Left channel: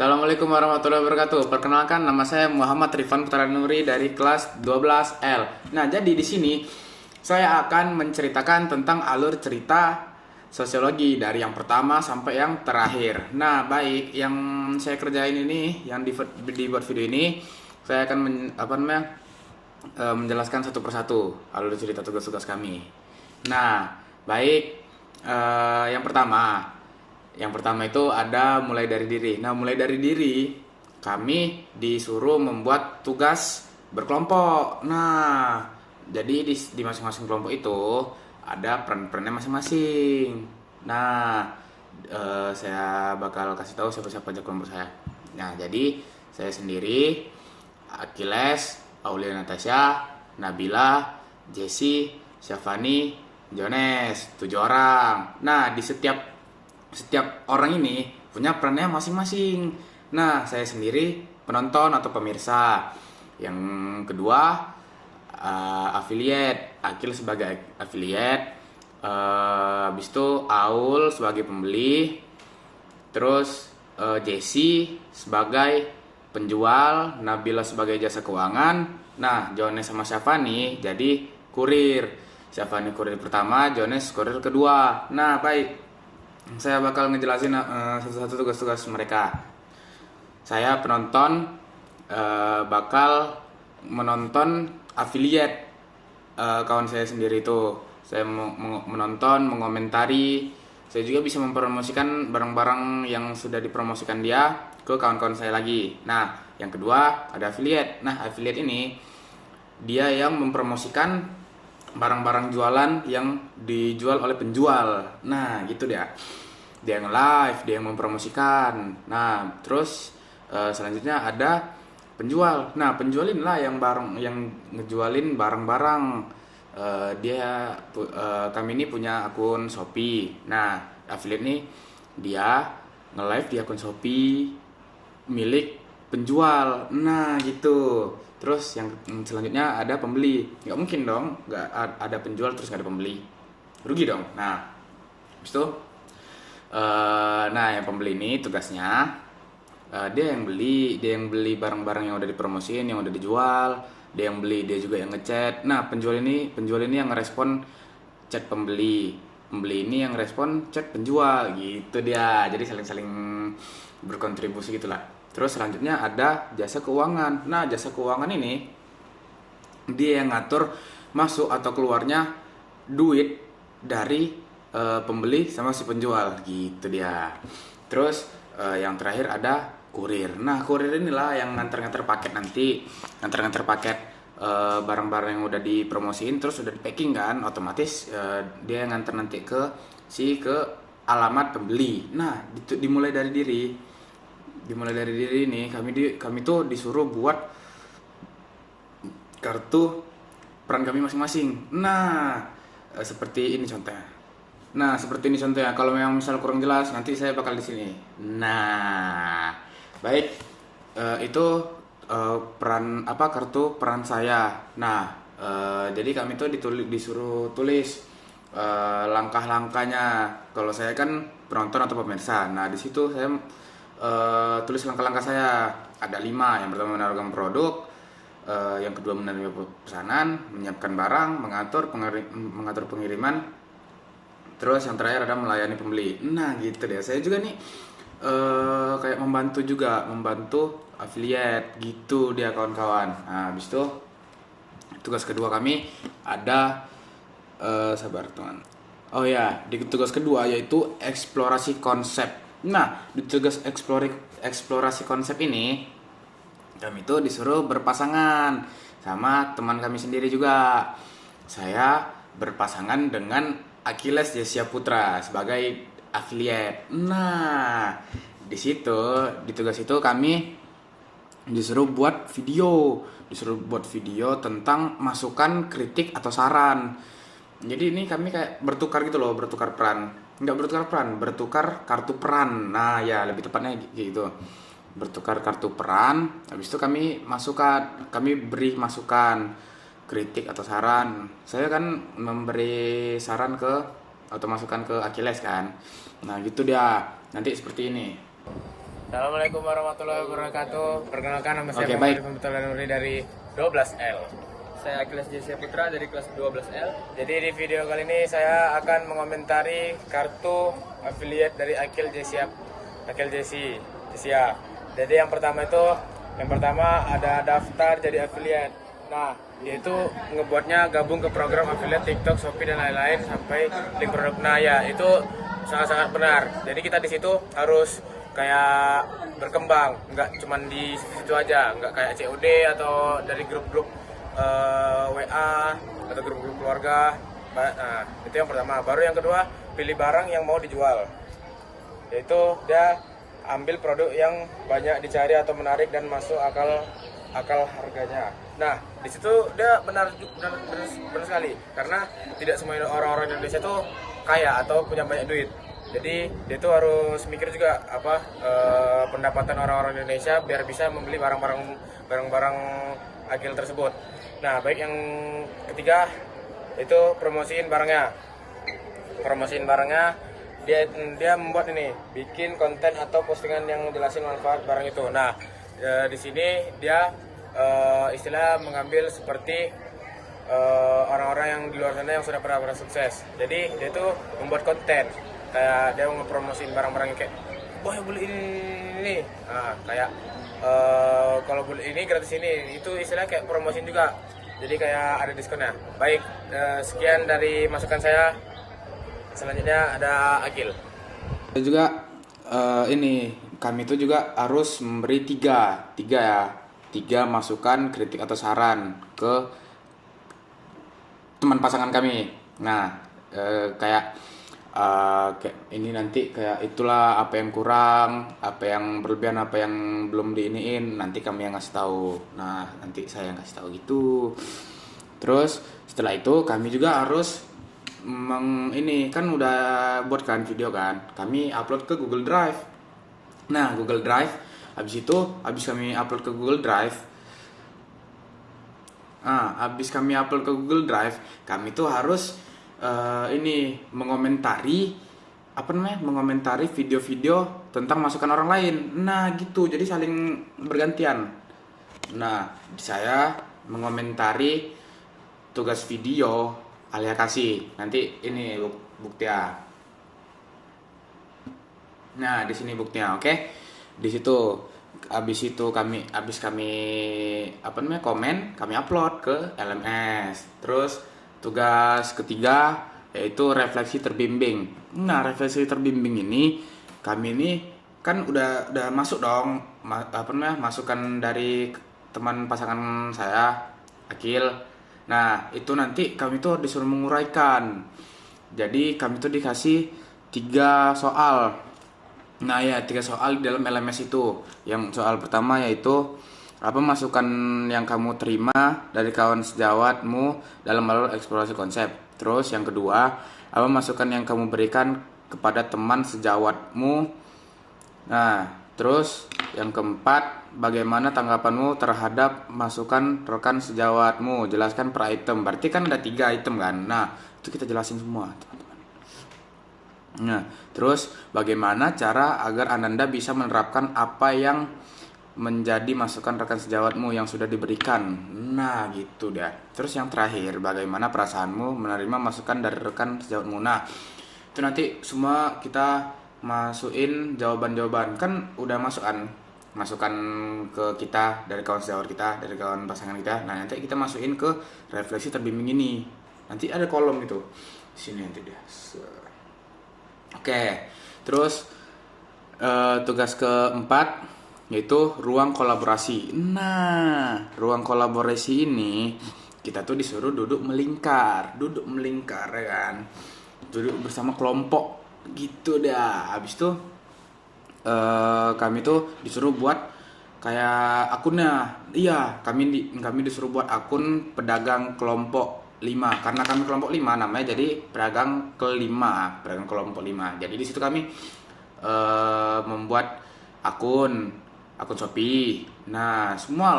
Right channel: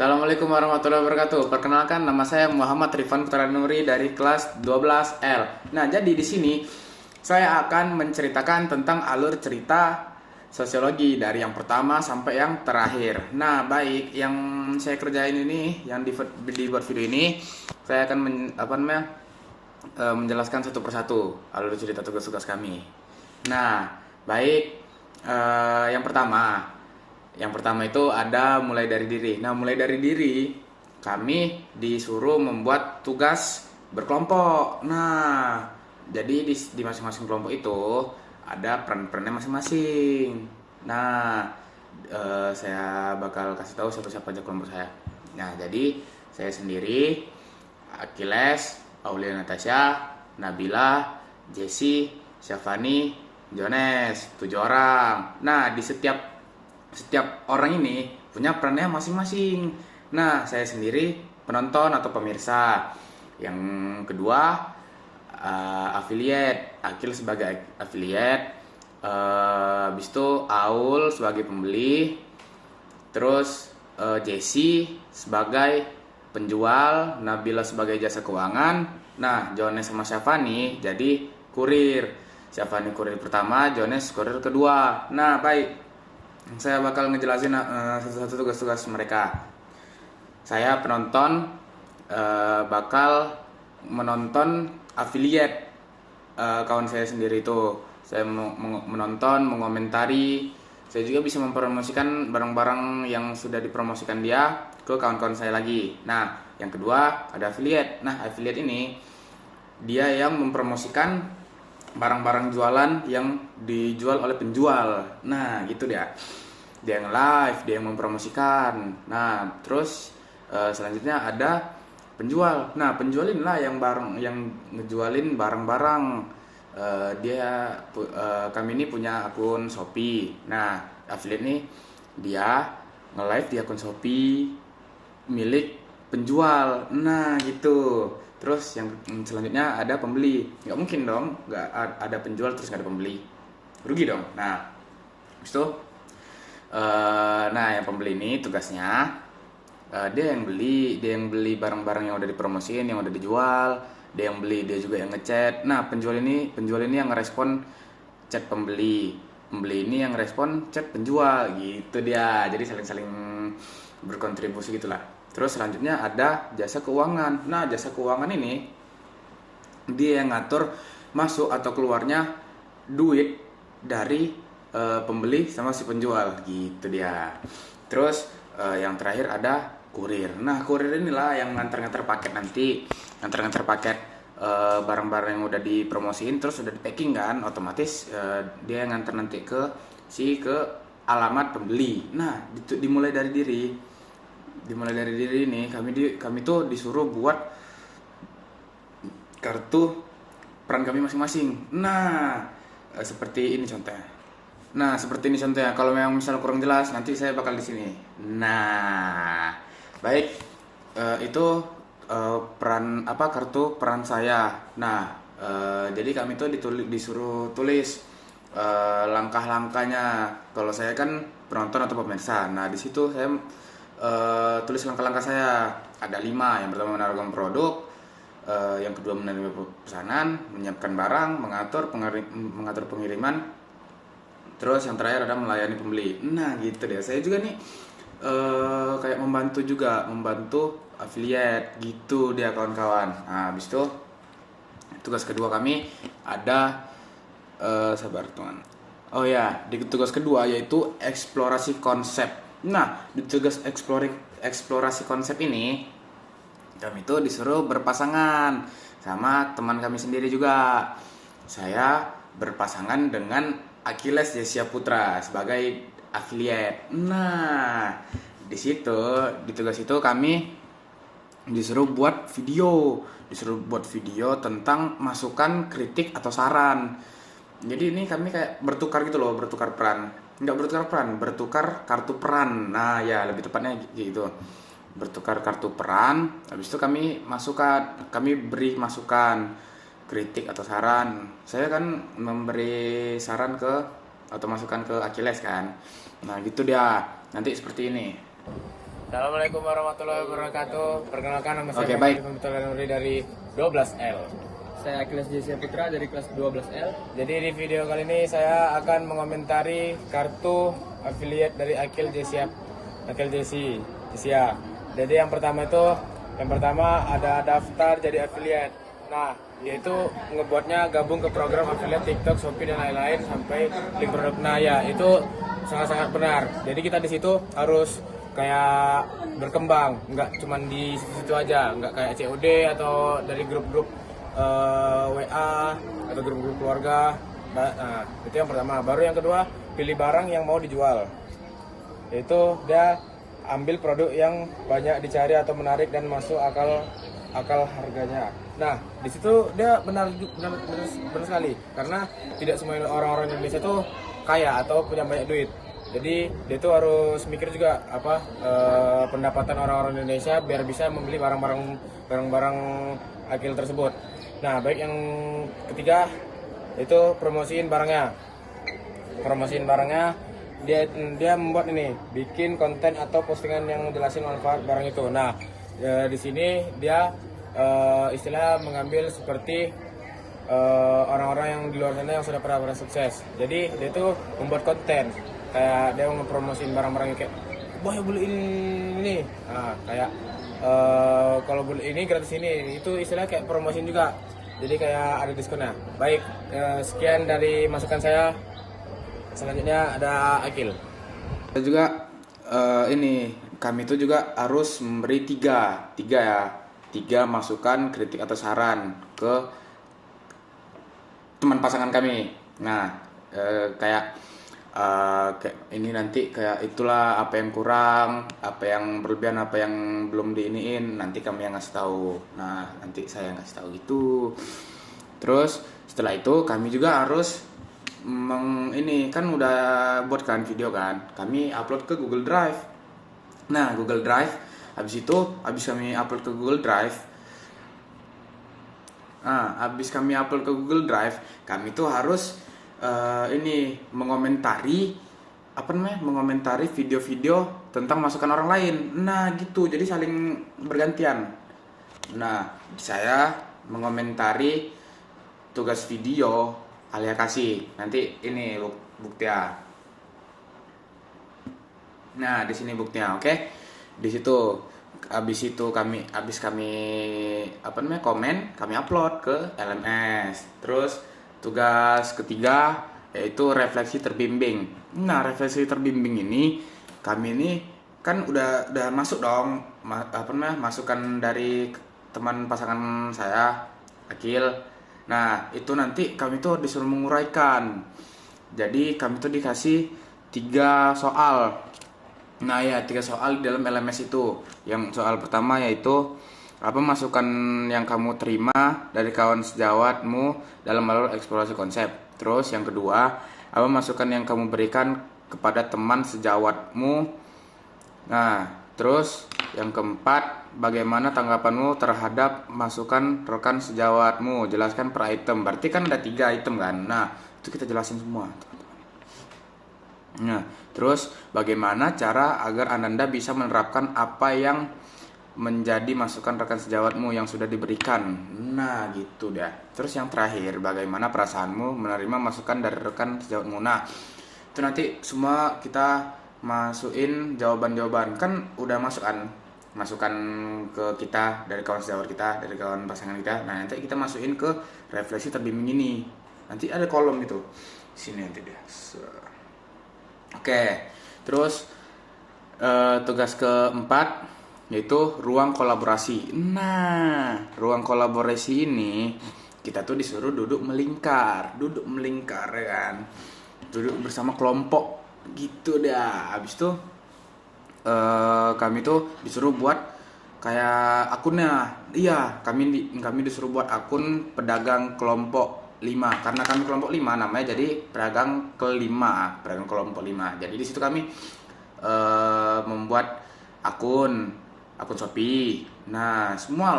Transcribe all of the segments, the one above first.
Assalamualaikum warahmatullahi wabarakatuh. Perkenalkan, nama saya Muhammad Rifan Putra Nuri dari kelas 12L. Nah, jadi di sini saya akan menceritakan tentang alur cerita sosiologi dari yang pertama sampai yang terakhir. Nah, baik, yang saya kerjain ini, yang dibuat video ini, saya akan menjelaskan satu persatu alur cerita tugas-tugas kami. Nah, baik, yang pertama. Yang pertama itu ada mulai dari diri. Nah, mulai dari diri, kami disuruh membuat tugas berkelompok. Nah, jadi di masing-masing kelompok itu ada peran-perannya masing-masing. Nah, saya bakal kasih tahu siapa-siapa aja kelompok saya. Nah, jadi saya sendiri, Achilles, Aulia Natasha, Nabila, Jesse, Syafani, Jones, 7 orang. Nah, di setiap orang ini punya perannya masing-masing. Nah, saya sendiri penonton atau pemirsa. Yang kedua, affiliate, Akil sebagai affiliate, habis itu Aul sebagai pembeli, terus Jesse sebagai penjual, Nabila sebagai jasa keuangan. Nah, Jones sama Syafani jadi kurir. Syafani kurir pertama, Jones kurir kedua. Nah, baik, saya bakal ngejelasin satu-satu tugas-tugas mereka. Saya penonton, bakal menonton affiliate, kawan saya sendiri itu. Saya menonton, mengomentari. Saya juga bisa mempromosikan barang-barang yang sudah dipromosikan dia ke kawan-kawan saya lagi. Nah, yang kedua ada affiliate. Nah, affiliate ini dia yang mempromosikan barang-barang jualan yang dijual oleh penjual. Nah, gitu dia. Dia yang live, dia yang mempromosikan. Nah, terus selanjutnya ada penjual. Nah, penjual inilah yang ngejualin barang-barang. Kami ini punya akun Shopee. Nah, affiliate nih dia nge-live di akun Shopee milik penjual. Nah, gitu. Terus yang selanjutnya ada pembeli. Nggak mungkin dong nggak ada penjual terus nggak ada pembeli, rugi dong. Nah, habis itu yang pembeli ini tugasnya, dia yang beli barang-barang yang udah dipromosiin, yang udah dijual. Dia yang beli, dia juga yang ngechat. Nah, penjual ini yang ngerespon chat pembeli ini yang ngerespon chat penjual, gitu dia. Jadi saling berkontribusi gitulah. Terus selanjutnya ada jasa keuangan. Nah, jasa keuangan ini dia yang ngatur masuk atau keluarnya duit dari pembeli sama si penjual, gitu dia. Terus yang terakhir ada kurir. Nah, kurir inilah yang nganter-nganter paket nanti. Nganter-nganter paket barang-barang yang udah dipromosiin terus udah di packing kan, otomatis dia yang nganter nanti ke alamat pembeli. Nah, dimulai dari diri ini kami tuh disuruh buat kartu peran kami masing-masing. Nah, seperti ini contohnya. Kalau memang misal kurang jelas nanti saya bakal di sini. Nah, baik, itu kartu peran saya. Nah, jadi kami tuh disuruh tulis langkah-langkahnya. Kalau saya kan penonton atau pemirsa. Nah, di situ saya tulis langkah-langkah saya. Ada 5. Yang pertama menawarkan produk, yang kedua menerima pesanan, menyiapkan barang, mengatur pengiriman, terus yang terakhir ada melayani pembeli. Nah, gitu deh. Saya juga nih kayak membantu affiliate gitu dia, kawan-kawan. Nah, habis itu tugas kedua kami ada sabar teman. Oh ya, di tugas kedua yaitu eksplorasi konsep. Nah, di tugas eksplorasi konsep ini kami tuh disuruh berpasangan sama teman kami sendiri juga. Saya berpasangan dengan Achilles Jessia Putra sebagai affiliate. Nah, di tugas itu kami disuruh buat video tentang masukan, kritik atau saran. Jadi ini kami kayak bertukar gitu loh, bertukar kartu peran. Nah, ya lebih tepatnya gitu. Bertukar kartu peran. Habis itu kami beri masukan, kritik atau saran. Saya kan memberi saran atau masukan ke Achilles kan. Nah, gitu dia. Nanti seperti ini. Assalamualaikum warahmatullahi wabarakatuh. Perkenalkan nama saya Oke, Muhammad baik. Komputer Nuri dari 12L. Saya Akilas Jessia Putra dari kelas 12L. Jadi di video kali ini saya akan mengomentari kartu affiliate dari Akil Jessia. Jadi yang pertama ada daftar jadi affiliate. Nah, dia itu ngebuatnya gabung ke program affiliate TikTok, Shopee dan lain-lain sampai link produk. Nah, ya itu sangat-sangat benar. Jadi kita di situ harus kayak berkembang, nggak cuma di situ aja, nggak kayak COD atau dari grup-grup WA atau grup-grup keluarga. Nah, itu yang pertama. Baru yang kedua, pilih barang yang mau dijual. Yaitu dia ambil produk yang banyak dicari atau menarik dan masuk akal harganya. Nah, di situ dia benar sekali karena tidak semua orang-orang Indonesia tuh kaya atau punya banyak duit. Jadi dia tuh harus mikir juga pendapatan orang-orang Indonesia biar bisa membeli barang-barang Akil tersebut. Nah, baik yang ketiga itu promosiin barangnya. Dia membuat ini, bikin konten atau postingan yang jelasin manfaat barang itu. Nah, di sini dia istilah mengambil seperti orang-orang yang di luar sana yang sudah pernah sukses. Jadi dia tuh membuat konten kayak dia mempromosiin barang-barang kayak boy beli ini. Nah, kayak kalau beli ini gratis ini, itu istilah kayak promosiin juga. Jadi kayak ada diskonnya. Baik, sekian dari masukan saya. Selanjutnya ada Akil. Dan juga kami itu juga harus memberi tiga masukan, kritik atau saran ke teman pasangan kami. Nah, kayak ini nanti kayak itulah apa yang kurang, apa yang berlebihan, apa yang belum diiniin, nanti kami yang ngasih tahu. Nah, nanti saya yang ngasih tahu gitu. Terus setelah itu kami juga harus ini kan udah buat kan video kan, kami upload ke Google Drive. Nah, Google Drive habis kami upload ke Google Drive. Habis kami upload ke Google Drive, kami tuh harus mengomentari video-video tentang masukan orang lain. Nah, gitu. Jadi saling bergantian. Nah, saya mengomentari tugas video Alia kasih. Nanti ini buktinya. Nah, di sini buktinya, oke? Di situ habis kami komen, kami upload ke LMS. Terus tugas ketiga yaitu refleksi terbimbing. Nah, refleksi terbimbing ini kami ini kan udah masuk dong masukan dari teman pasangan saya, Akil. Nah, itu nanti kami tuh disuruh menguraikan. Jadi kami tuh dikasih 3 soal. Nah, ya 3 soal di dalam LMS itu. Yang soal pertama yaitu apa masukan yang kamu terima dari kawan sejawatmu dalam alur eksplorasi konsep. Terus yang kedua, apa masukan yang kamu berikan kepada teman sejawatmu. Nah, terus yang keempat, bagaimana tanggapanmu terhadap masukan rekan sejawatmu? Jelaskan per item. Berarti kan ada 3 item kan. Nah, itu kita jelasin semua, teman-teman. Nah, terus bagaimana cara agar Ananda bisa menerapkan apa yang menjadi masukan rekan sejawatmu yang sudah diberikan. Nah, gitu dah. Terus yang terakhir, bagaimana perasaanmu menerima masukan dari rekan sejawatmu. Nah, itu nanti semua kita masukin jawaban-jawaban. Kan udah masukan ke kita dari kawan sejawat kita, dari kawan pasangan kita. Nah, nanti kita masukin ke refleksi terbimbing ini. Nanti ada kolom gitu. Sini nanti dia. Oke. Terus tugas keempat yaitu ruang kolaborasi. Nah, ruang kolaborasi ini kita tuh disuruh duduk melingkar ya kan. Duduk bersama kelompok gitu dah. Habis itu kami tuh disuruh buat kayak akunnya. Iya, kami disuruh buat akun pedagang kelompok 5 karena kami kelompok 5 namanya, jadi pedagang kelompok 5. Jadi di situ kami membuat akun Shopee. Nah, semua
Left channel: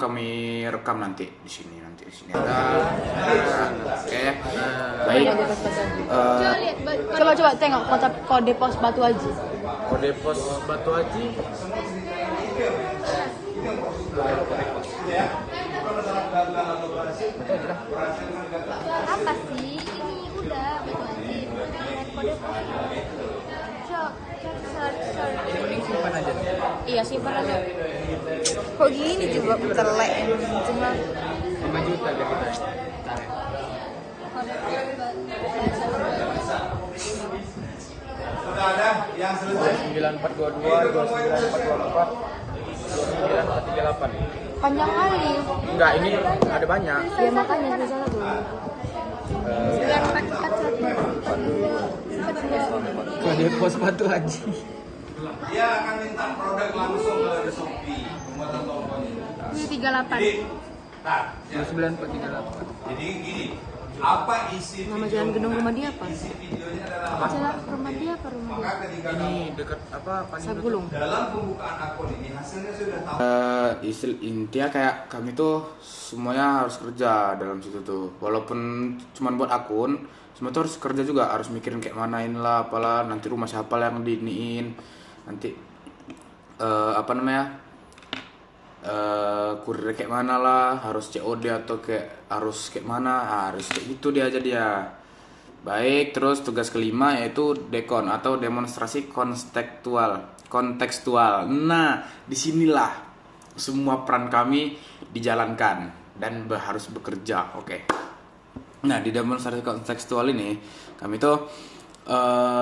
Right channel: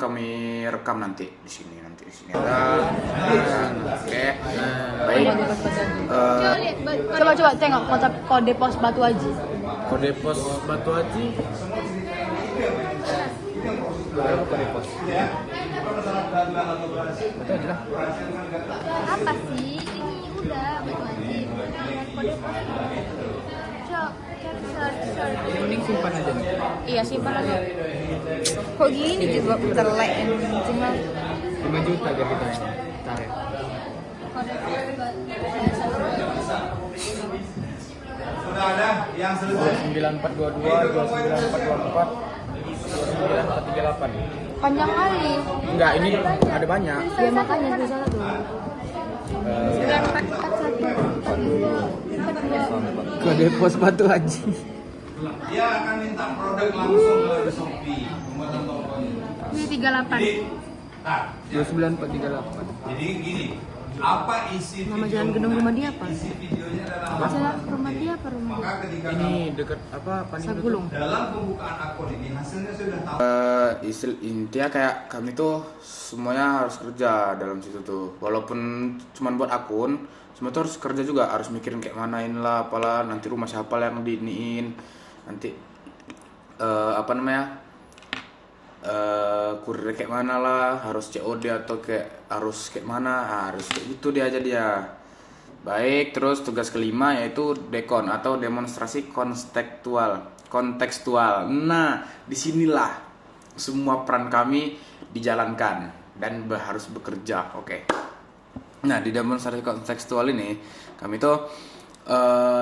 kami rekam nanti di sini ada. Oke. Baik. Coba tengok kode pos Batu Haji. Kode pos Batu Haji. Berapa kode pos? Betul lah. Apa sih? Ini simpan aja nih. Iya, simpan aja. Kok gini coba telek cuma 5 juta biar kita tarik. Sudah ada yang selesai. 9422, 29424, 9438. panjang kali. Enggak, ini ada banyak. Ya makanya gue salah. Kode pos Batu Haji. Dia akan minta produk langsung ke Shopee. Ini 38. Nah, 29438. jadi gini, apa isi Mau jalan gedung rumah dia kan? Apa? Saya rumah dia ke rumah dia. Ini dekat apa? Panik dulu. dalam pembukaan akun ini hasilnya sudah tahu. Intinya kayak kami tuh semuanya harus kerja dalam situ tuh, walaupun cuman buat akun, semua tuh harus kerja juga, harus mikirin kayak mana inilah apalah, nanti rumah siapa lah yang diiniin, nanti apa namanya, kurir kayak mana lah, harus COD atau kayak harus kayak mana, harus kayak gitu dia aja dia. Baik, terus tugas kelima yaitu dekon atau demonstrasi kontekstual. Nah, disinilah semua peran kami dijalankan dan harus bekerja. Oke. Nah, di demonstrasi kontekstual ini kami tuh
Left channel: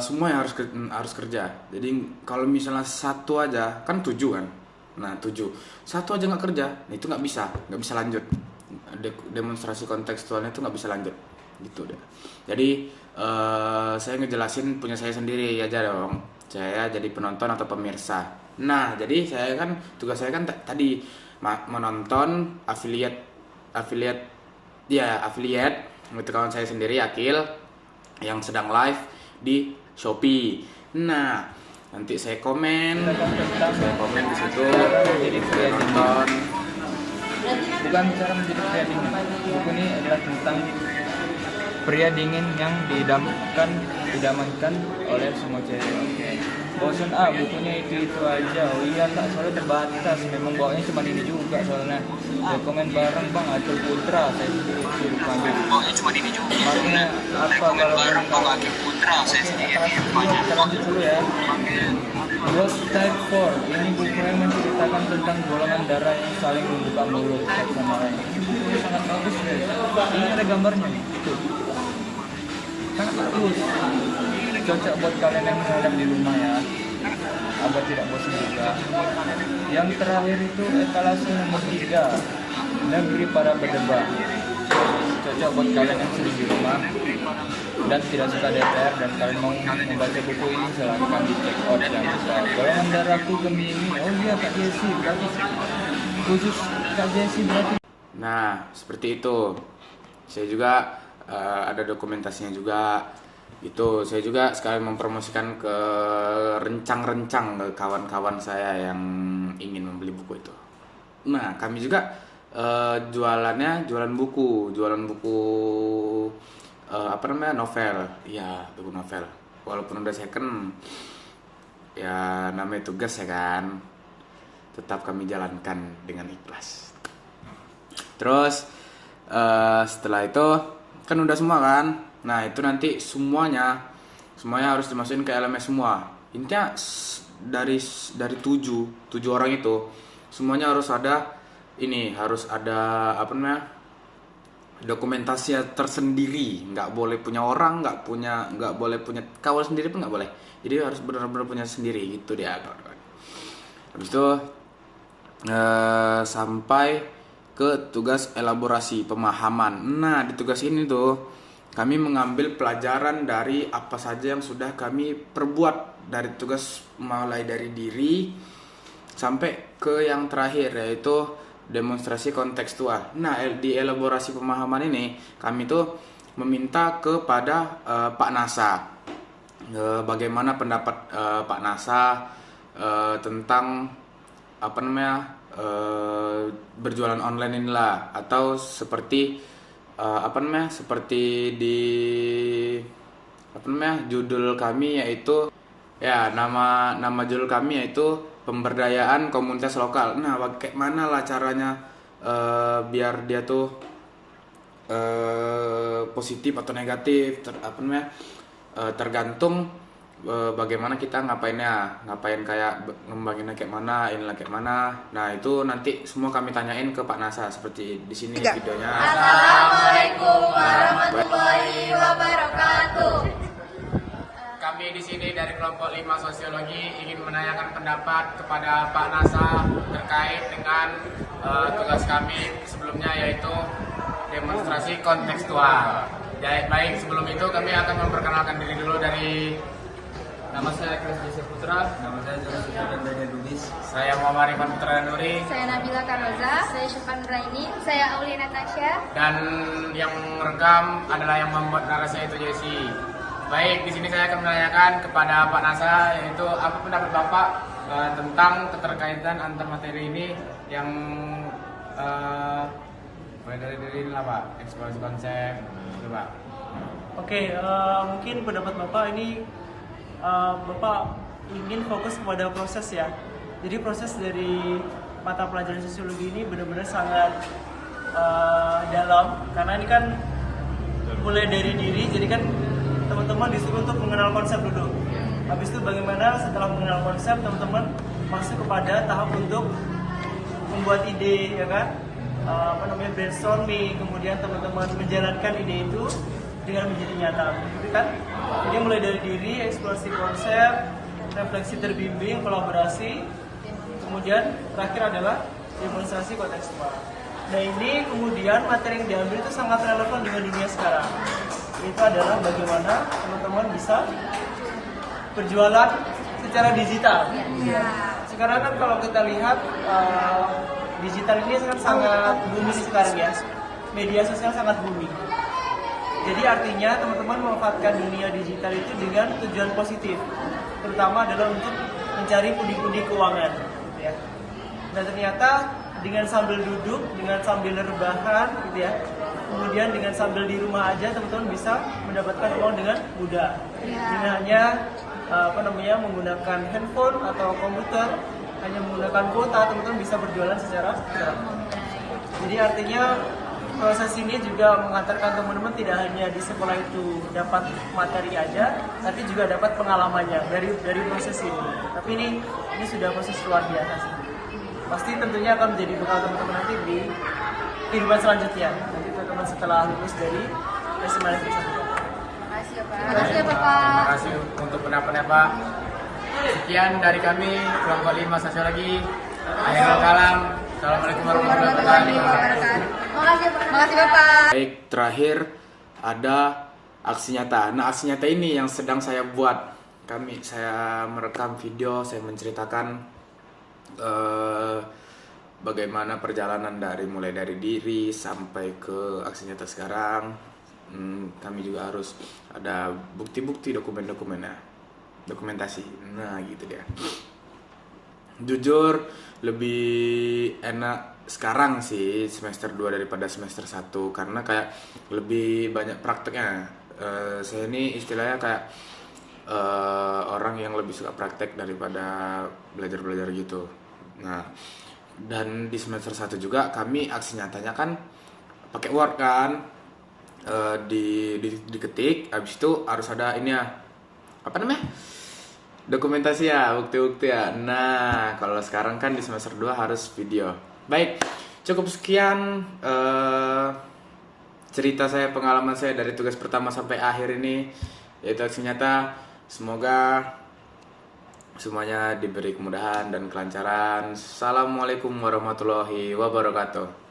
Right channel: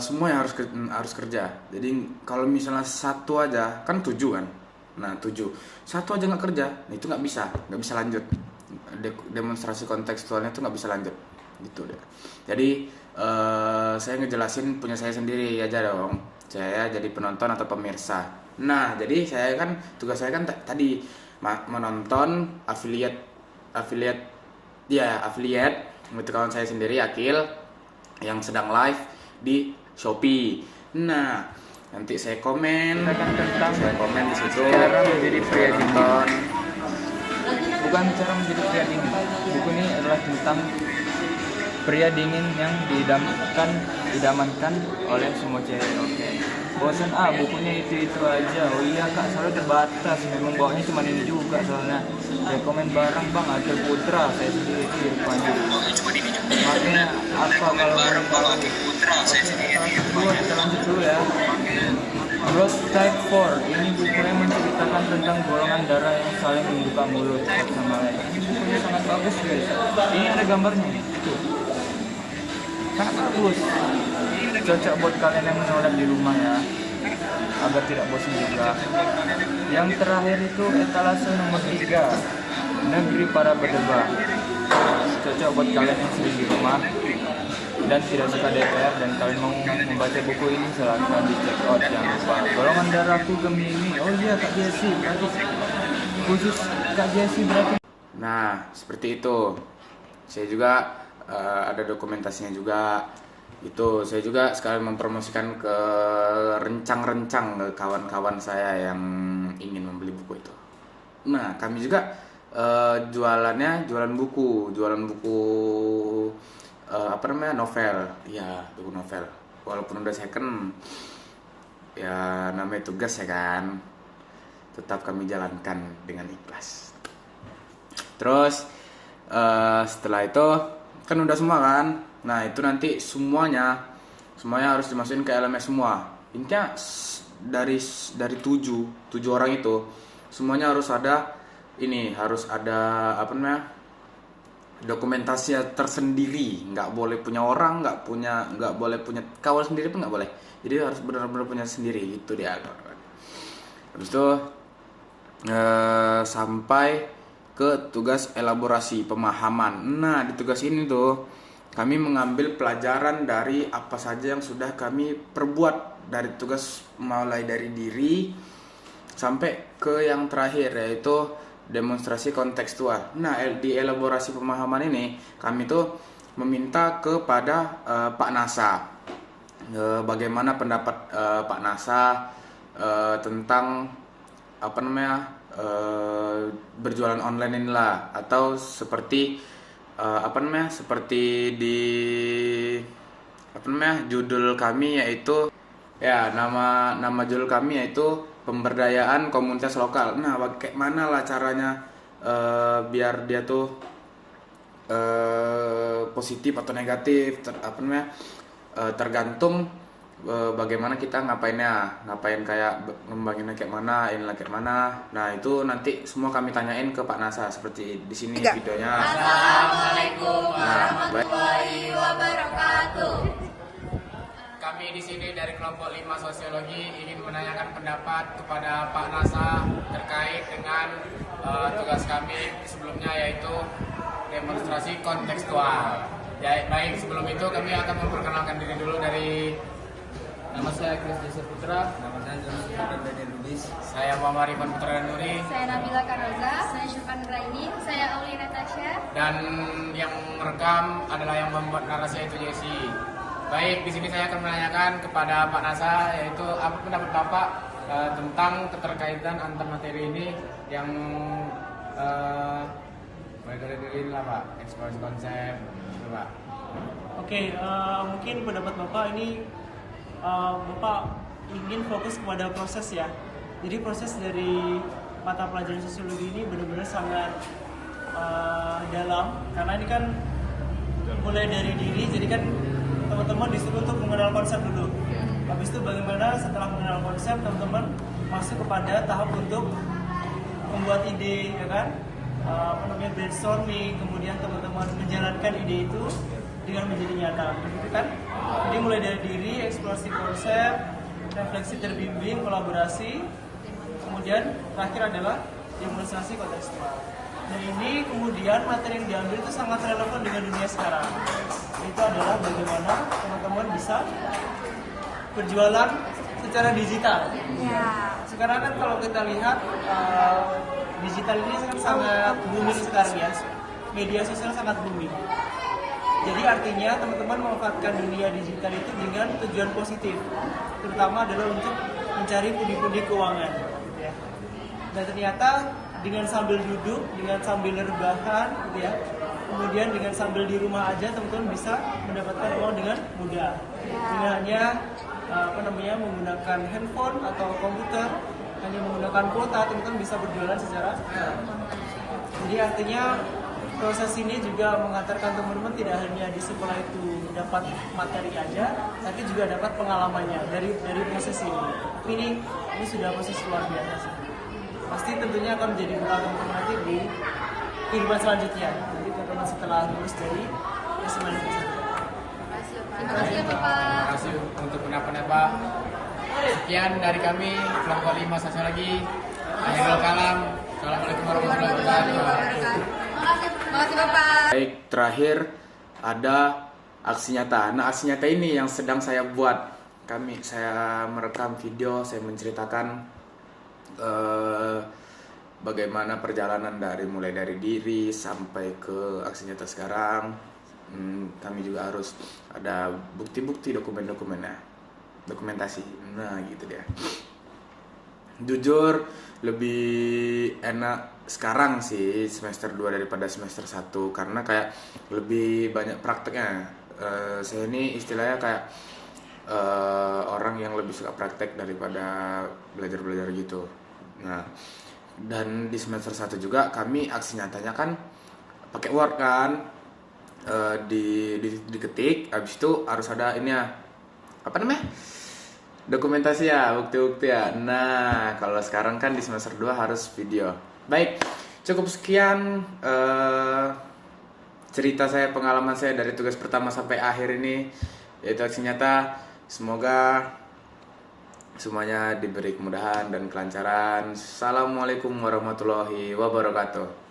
semua yang harus kerja. Jadi kalau misalnya satu aja kan 7 kan. Nah 7 satu aja nggak kerja, nah itu nggak bisa lanjut. Demonstrasi kontekstualnya itu nggak bisa lanjut gitu deh. Jadi saya ngejelasin punya saya sendiri aja dong. Saya jadi penonton atau pemirsa. Nah jadi saya kan tugas saya kan tadi menonton affiliate itu kawan saya sendiri Akil yang sedang live di Shopee. Nah nanti saya komen di situ, saya nonton. Bukan bicara menjadi pria dingin. Buku ini adalah tentang pria dingin yang didamankan oleh semua cewek. Bosan bukunya itu aja. Oh iya kak, soalnya terbatas. Memang bawanya cuma ini juga soalnya. Rekomen bareng bang Akil Putra. Saya sendiri rekomen. Bawanya cuma ini juga. Makanya apa kalau Akil Putra? Saya sendiri rekomen. Lanjut dulu ya. Blood Type 4. Ini buku yang menceritakan tentang golongan darah yang saling membuka mulut sama lain. Ini sangat bagus guys. Ini ada gambarnya. Tuh. Kan bagus. Cocok buat kalian yang menolak di rumah ya, agar tidak bosan juga. Yang terakhir itu etalase nomor 3, negeri para berdebar. Cocok buat kalian yang sering di rumah dan tidak suka DPR dan kalian mau membaca buku ini, silahkan di check out. Jangan lupa golongan darahku Gemini. Oh iya Kak Jesse, berarti khusus Kak Jesse berarti. Nah seperti itu. Saya juga ada dokumentasinya juga. Itu saya juga sekalian mempromosikan ke rencang-rencang ke kawan-kawan saya yang ingin membeli buku itu. Nah kami juga jualan buku novel, ya buku novel. Walaupun udah second, ya namanya tugas ya kan, tetap kami jalankan dengan ikhlas. Terus setelah itu kan udah semua kan. Nah itu nanti semuanya harus dimasukin ke LMS semua. Intinya dari 7 orang itu semuanya harus ada dokumentasi tersendiri. Nggak boleh punya orang, nggak boleh punya kawan sendiri pun nggak boleh. Jadi harus benar-benar punya sendiri gitu dia. Habis itu sampai ke tugas elaborasi pemahaman. Nah di tugas ini tuh kami mengambil pelajaran dari apa saja yang sudah kami perbuat, dari tugas mulai dari diri sampai ke yang terakhir yaitu demonstrasi kontekstual. Nah di elaborasi pemahaman ini kami tuh meminta kepada Pak Nasa bagaimana pendapat Pak Nasa tentang berjualan online inilah, atau seperti seperti di judul kami yaitu nama judul kami yaitu pemberdayaan komunitas lokal. Nah, kayak mana lah caranya biar dia tuh positif atau negatif, tergantung bagaimana kita ngapain kayak ngembanginnya kayak mana, inilah kayak mana. Nah, itu nanti semua kami tanyain ke Pak Nasa seperti di sini videonya. Assalamualaikum warahmatullahi wabarakatuh. Kami di sini dari kelompok 5 sosiologi ingin menanyakan pendapat kepada Pak Nasa terkait dengan tugas kami sebelumnya, yaitu demonstrasi kontekstual. Baik, sebelum itu kami akan memperkenalkan diri dulu. Dari Nama saya Kristus Putra. Nama saya Jonas Putra Daniel Lubis. saya Muhammad Rifan Putra Nuri, Saya Nabila Kanoza. Saya Syufan Raini. Saya Aulia Natasha. dan yang merekam adalah yang membuat narasi itu Jesse. Baik, di sini saya akan menanyakan kepada Pak Nasa, yaitu apa pendapat Bapak tentang keterkaitan antar materi ini yang mulai dari diri lah Pak, eksplorasi konsep, gitu Pak. Oke, mungkin pendapat Bapak ini Bapak ingin fokus kepada proses ya. Jadi proses dari mata pelajaran sosiologi ini benar-benar sangat dalam, karena ini kan mulai dari diri, jadi kan teman-teman disuruh untuk mengenal konsep dulu. Habis itu bagaimana setelah mengenal konsep teman-teman masuk kepada tahap untuk membuat ide, ya kan? Brainstorming, kemudian teman-teman menjalankan ide itu dengan menjadi nyata, gitu kan? Jadi mulai dari diri, eksplorasi konsep, refleksi terbimbing, kolaborasi, kemudian terakhir adalah demonstrasi kontekstual. Nah, ini kemudian materi yang diambil itu sangat relevan dengan dunia sekarang. Itu adalah bagaimana teman-teman bisa berjualan secara digital. Sekarang kan kalau kita lihat digital ini sangat booming sekarang ya. Media sosial sangat booming. Jadi artinya teman-teman memanfaatkan dunia digital itu dengan tujuan positif, terutama adalah untuk mencari pundi-pundi keuangan, ya. Dan ternyata dengan sambil duduk, dengan sambil rebahan, gitu ya, kemudian dengan sambil di rumah aja teman-teman bisa mendapatkan uang dengan mudah. Dengan hanya menggunakan handphone atau komputer, hanya menggunakan kuota, teman-teman bisa berjualan secara cepat. Jadi artinya proses ini juga mengantarkan teman-teman tidak hanya di sekolah itu dapat materi aja, tapi juga dapat pengalamannya dari proses ini. Tapi ini sudah proses luar biasa sih. Pasti tentunya akan menjadi bekal teman-teman nanti di kehidupan selanjutnya. Nanti teman-teman setelah lulus dari SMA tersebut. Terima kasih Bapak. Terima kasih untuk pendapatnya Pak. Sekian dari kami kelompok 5 sosiologi. Assalamualaikum warahmatullahi wabarakatuh. Terima kasih Bapak. Baik, terakhir ada aksi nyata. Nah, aksi nyata ini yang sedang saya buat. Saya merekam video, saya menceritakan bagaimana perjalanan mulai dari diri sampai ke aksi nyata sekarang. Kami juga harus ada bukti-bukti, dokumentasi. Nah, gitu dia. Jujur lebih enak sekarang sih semester 2 daripada semester 1, karena kayak lebih banyak prakteknya. Saya ini istilahnya kayak orang yang lebih suka praktek daripada belajar gitu. Nah, dan di semester 1 juga kami aksi nyatanya kan pakai Word kan, diketik, habis itu harus ada ini ya, dokumentasi ya, bukti-bukti ya. Nah, kalau sekarang kan di semester 2 harus video. Baik, cukup sekian cerita saya, pengalaman saya dari tugas pertama sampai akhir ini, yaitu aksi nyata. Semoga semuanya diberi kemudahan dan kelancaran. Assalamualaikum warahmatullahi wabarakatuh.